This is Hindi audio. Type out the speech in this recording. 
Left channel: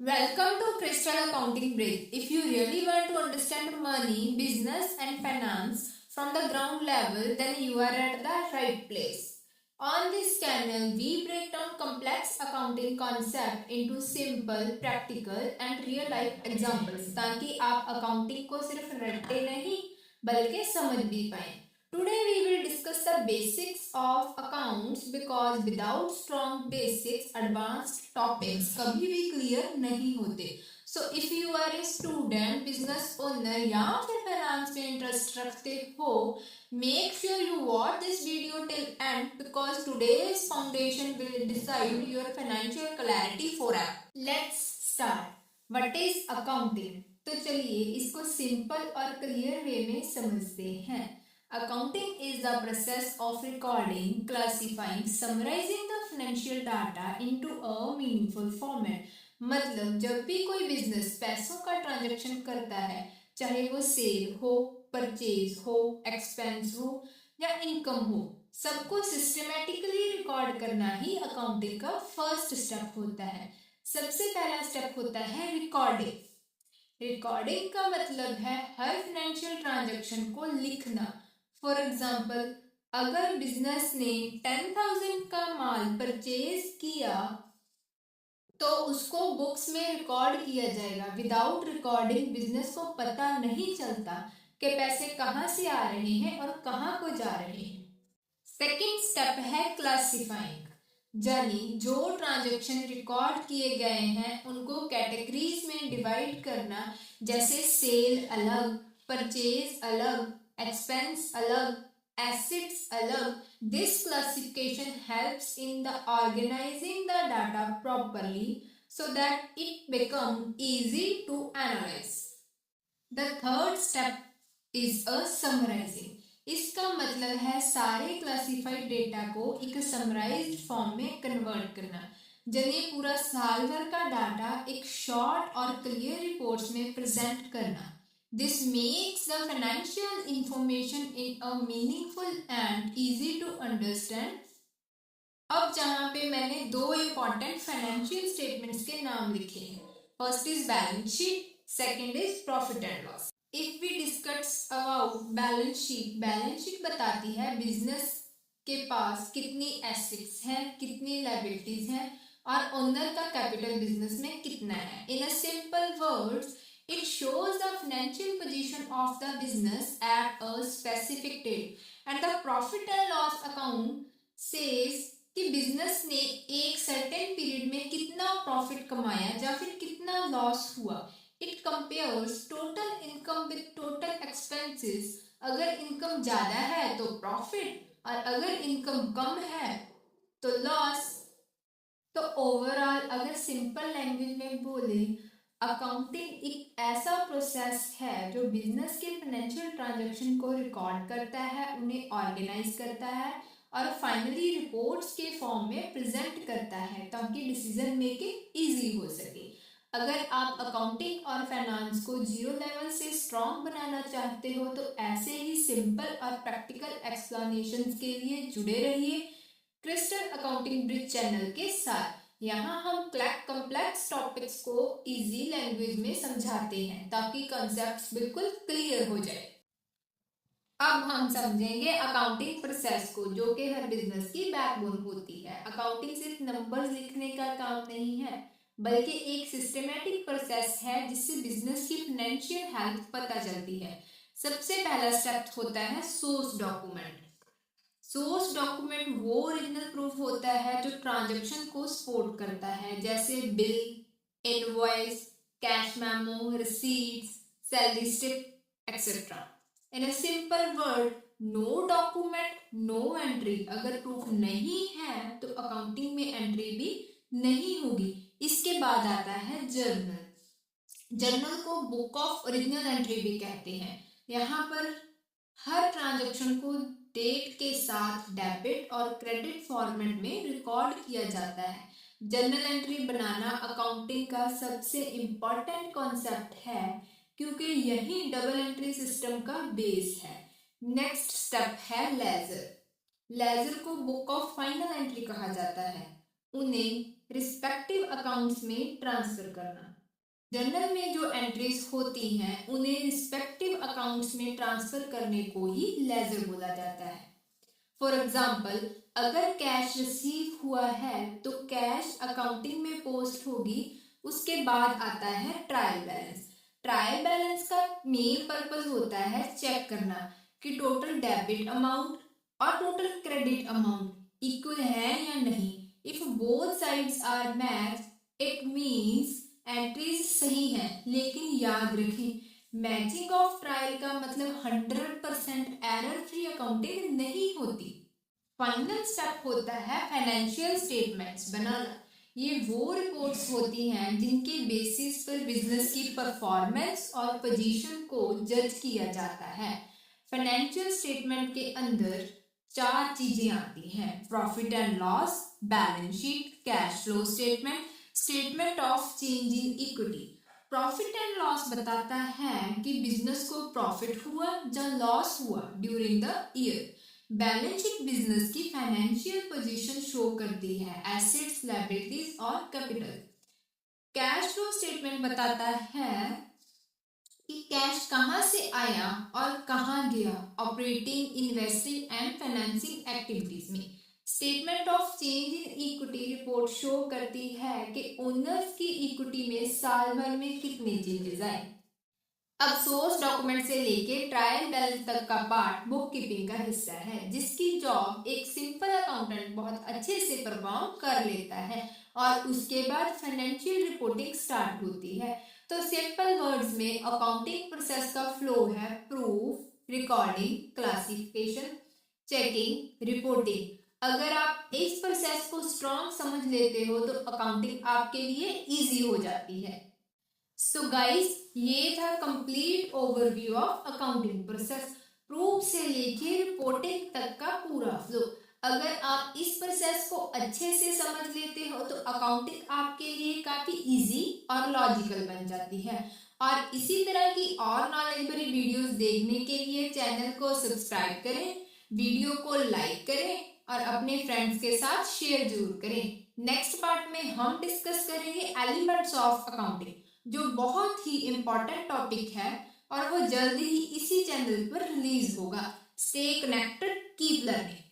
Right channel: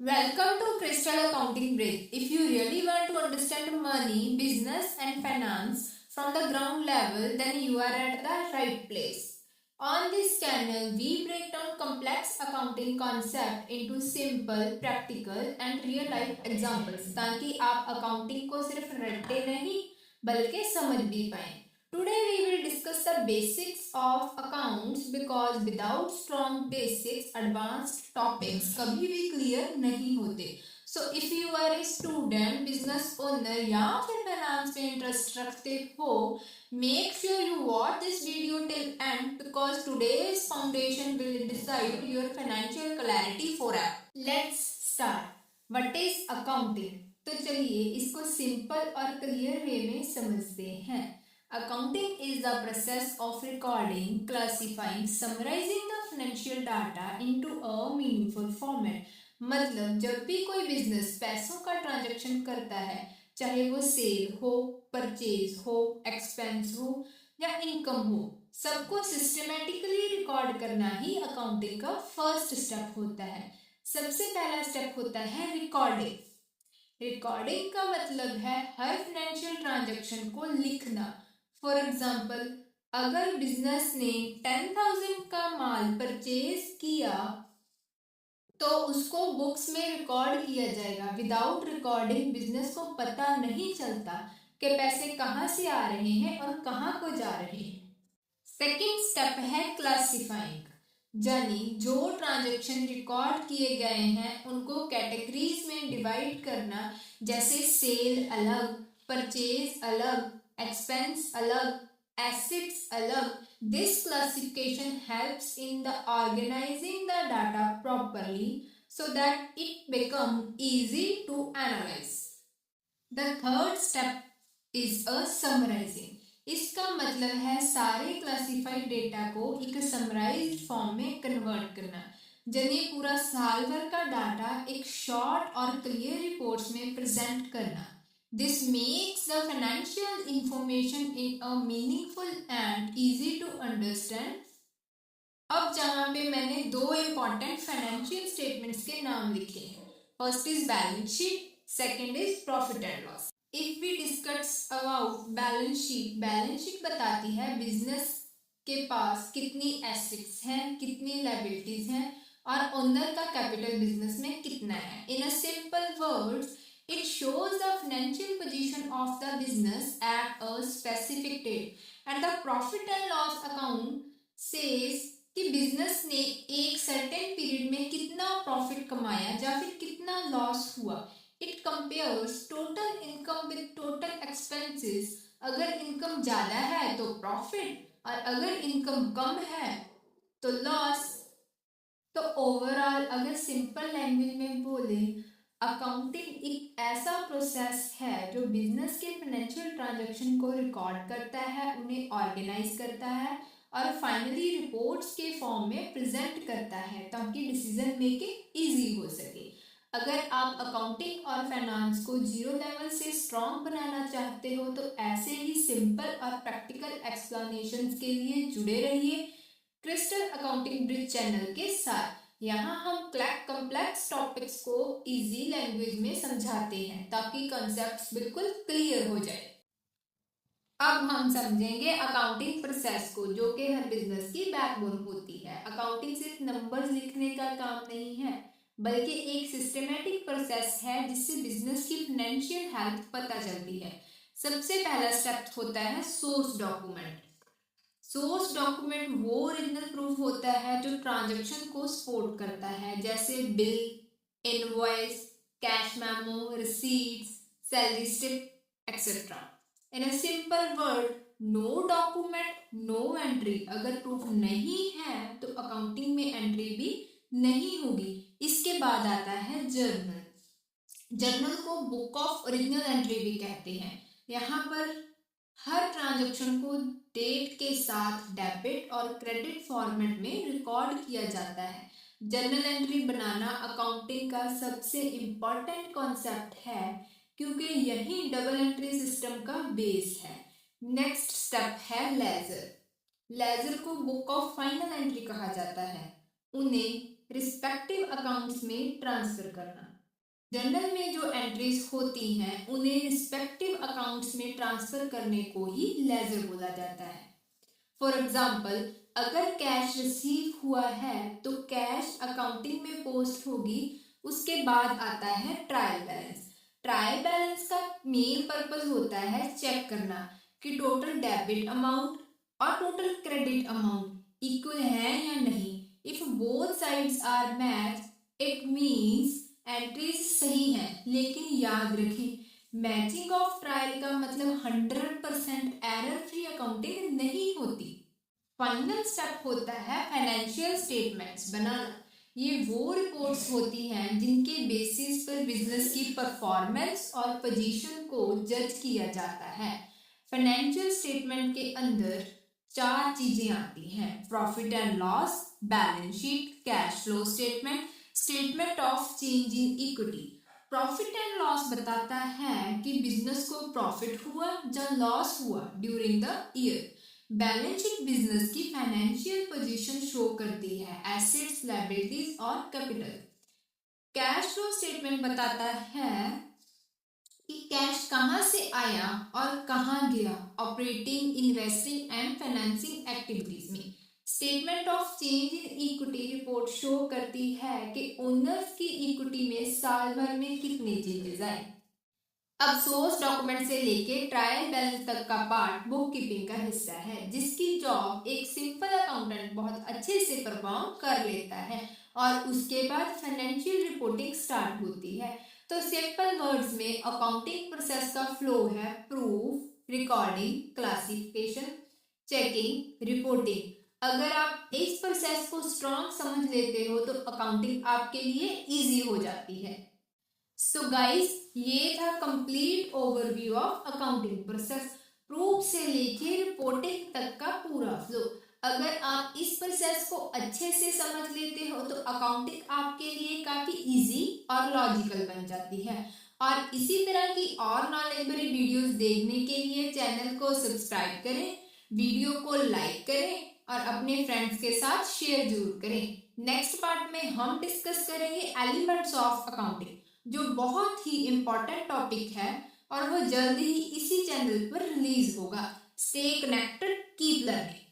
Welcome to Crystal Accounting Bridge. If you really want to understand money, business, and finance from the ground level, then you are at the right place. On this channel, we break down complex accounting concept into simple, practical, and real life examples ताकि आप accounting को सिर्फ रटे नहीं बल्कि समझ भी पाएं. Today we will discuss the basics of accounts because without strong basics, advanced topics कभी भी clear नहीं होते. So if you are a student, business owner या फिर finance में interest रखते हो, make sure you watch this video till end because today's foundation will decide your financial clarity forever. Let's start. What is accounting? तो चलिए इसको simple और clear way में समझते हैं. Accounting is the process of recording, classifying, summarizing the financial data into a meaningful format. मतलब जब भी कोई बिजनेस पैसों का ट्रांजैक्शन करता है, चाहे वो सेल हो, परचेज हो, एक्सपेंस हो या इनकम हो, सबको सिस्टमेटिकली रिकॉर्ड करना ही अकाउंटिंग का फर्स्ट स्टेप होता है. सबसे पहला स्टेप होता है रिकॉर्डिंग. रिकॉर्डिंग का मतलब है हर फाइनेंशियल ट्रांजैक्शन को लिखना. फॉर एग्जाम्पल, अगर बिजनेस ने 10,000 का माल परचेज किया तो उसको बुक्स में रिकॉर्ड किया जाएगा. विदाउट रिकॉर्डिंग बिजनेस को पता नहीं चलता कि पैसे कहाँ से आ रहे हैं और कहाँ को जा रहे हैं. सेकेंड स्टेप है क्लासिफाइंग, यानी जो ट्रांजैक्शन रिकॉर्ड किए गए हैं उनको कैटेगरीज में डिवाइड करना. जैसे सेल अलग, परचेज अलग, एक्सपेंस अलग, एसेट्स अलग. This classification helps in the organizing the data properly so that it become easy to analyze. The third step is a summarizing. इसका मतलब है सारे क्लासिफाइड डेटा को एक समराइज्ड फॉर्म में कन्वर्ट करना. यानी पूरा साल भर का डाटा एक शॉर्ट और क्लियर रिपोर्ट्स में प्रेजेंट करना. This makes the financial information in a meaningful and easy to understand. अब जहां पे मैंने दो इम्पॉर्टेंट फाइनेंशियल स्टेटमेंट्स के नाम लिखे हैं. First is balance sheet, second is profit and loss. If we discuss about balance sheet, balance sheet बताती है बिजनेस के पास कितनी एसेट्स हैं, कितनी लायबिलिटीज हैं और ओनर का कैपिटल बिजनेस में कितना है. In a simple words, it shows the financial position of the business at a specific date, and the profit and loss account says कि बिजनेस ने एक सर्टेन पीरियड में कितना प्रॉफिट कमाया या फिर कितना लॉस हुआ. It compares total income with total expenses. अगर इनकम ज्यादा है तो प्रॉफिट और अगर इनकम कम है तो लॉस. तो ओवरऑल अगर सिंपल लैंग्वेज में बोले, अकाउंटिंग एक ऐसा प्रोसेस है जो बिजनेस के फाइनेंशियल ट्रांजैक्शन को रिकॉर्ड करता है, उन्हें ऑर्गेनाइज करता है और फाइनली रिपोर्ट्स के फॉर्म में प्रेजेंट करता है ताकि डिसीजन मेकिंग इजी हो सके. अगर आप अकाउंटिंग और फाइनेंस को जीरो लेवल से स्ट्रॉन्ग बनाना चाहते हो तो ऐसे ही सिंपल और प्रैक्टिकल एक्सप्लेनेशंस के लिए जुड़े रहिए क्रिस्टल अकाउंटिंग ब्रिज चैनल के साथ. यहाँ हम कॉम्प्लेक्स टॉपिक्स को इजी लैंग्वेज में समझाते हैं ताकि कॉन्सेप्ट्स बिल्कुल क्लियर हो जाए. अब हम समझेंगे अकाउंटिंग प्रोसेस को, जो कि हर बिजनेस की बैकबोन होती है. अकाउंटिंग सिर्फ नंबर्स लिखने का काम नहीं है बल्कि एक सिस्टमेटिक प्रोसेस है जिससे बिजनेस की फाइनेंशियल हेल्थ पता चलती है. सबसे पहला स्टेप होता है सोर्स डॉक्यूमेंट. सोर्स डॉक्यूमेंट वो ओरिजिनल प्रूफ होता है जो ट्रांजैक्शन को सपोर्ट करता है, जैसे bill, invoice, cash memo, receipts, salary slip etcetera. In a simple word, no document no entry. अगर प्रूफ नहीं है तो अकाउंटिंग में एंट्री भी नहीं होगी. इसके बाद आता है जर्नल. जर्नल को बुक ऑफ ओरिजिनल एंट्री भी कहते हैं. यहाँ पर हर ट्रांजैक्शन को डेट के साथ डेबिट और क्रेडिट फॉर्मेट में रिकॉर्ड किया जाता है. जर्नल एंट्री बनाना अकाउंटिंग का सबसे इम्पॉर्टेंट कॉन्सेप्ट है क्योंकि यही डबल एंट्री सिस्टम का बेस है. नेक्स्ट स्टेप है लेजर. लेजर को बुक ऑफ फाइनल एंट्री कहा जाता है. उन्हें रिस्पेक्टिव अकाउंट्स में ट्रांसफर करना। जर्नल में जो एंट्रीज होती हैं उन्हें रिस्पेक्टिव अकाउंट्स में ट्रांसफर करने को ही लेजर बोला जाता है। फॉर एग्जाम्पल, अगर कैश रिसीव हुआ है तो कैश अकाउंटिंग में पोस्ट होगी, उसके बाद आता है ट्रायल बैलेंस। ट्रायल बैलेंस का मेन पर्पस होता है चेक करना कि टोटल डेबिट अमाउंट और टोटल क्रेडिट अमाउंट इक्वल है या नहीं। If both sides are match it means entries सही हैं, लेकिन याद रखें मैचिंग ऑफ ट्रायल का मतलब 100% एरर फ्री अकाउंटिंग नहीं होती। फाइनल स्टेप होता है फाइनेंशियल स्टेटमेंट्स बनाना। ये वो रिपोर्ट्स होती हैं जिनके बेसिस पर बिजनेस की परफॉर्मेंस और पोजीशन को जज किया जाता है। फाइनेंशियल स्टेटमेंट के अंदर 4 चीजें आती हैं: profit and loss, balance sheet, cash flow statement, statement of change in equity. Profit and loss बताता है कि बिजनेस को प्रॉफिट हुआ या लॉस हुआ during the year. Balance sheet business की फाइनेंशियल पोजीशन शो करती है, एसेट्स, लायबिलिटीज और कैपिटल। कैश फ्लो स्टेटमेंट बताता है कि कैश कहां से आया और कहां गया operating, investing and financing activities में। Statement of change in equity report show करती है कि ओनर्स की इक्विटी में साल भर में कितने चेंजेस आए। अब सोर्स डॉक्यूमेंट से लेके ट्रायल बैलेंस तक का पार्ट बुक कीपिंग का हिस्सा है, जिसकी जॉब एक सिंपल अकाउंटेंट बहुत अच्छे से परफॉर्म कर लेता है और उसके बाद फाइनेंशियल रिपोर्टिंग स्टार्ट होती है। तो सिंपल वर्ड्स में अकाउंटिंग प्रोसेस का फ्लो है proof, recording, classification, checking, reporting. अगर आप इस प्रोसेस को स्ट्रॉन्ग समझ लेते हो तो अकाउंटिंग आपके लिए इजी हो जाती है। सो गाइस, ये था complete overview of accounting process, proof से लेके रिपोर्टिंग तक का पूरा फ्लो। अगर आप इस प्रोसेस को अच्छे से समझ लेते हो तो अकाउंटिंग आपके लिए काफी इजी और लॉजिकल बन जाती है। और इसी तरह की और नॉलेजेबल वीडियोस देखने के लिए चैनल को सब्सक्राइब करें, वीडियो को लाइक करें और अपने फ्रेंड्स के साथ शेयर जरूर करें। नेक्स्ट पार्ट में हम डिस्कस करेंगे एलिमेंट्स ऑफ अकाउंटिंग, जो बहुत ही इम्पोर्टेंट टॉपिक है और वो जल्द ही इसी चैनल पर रिलीज होगा। Stay connected, keep learning.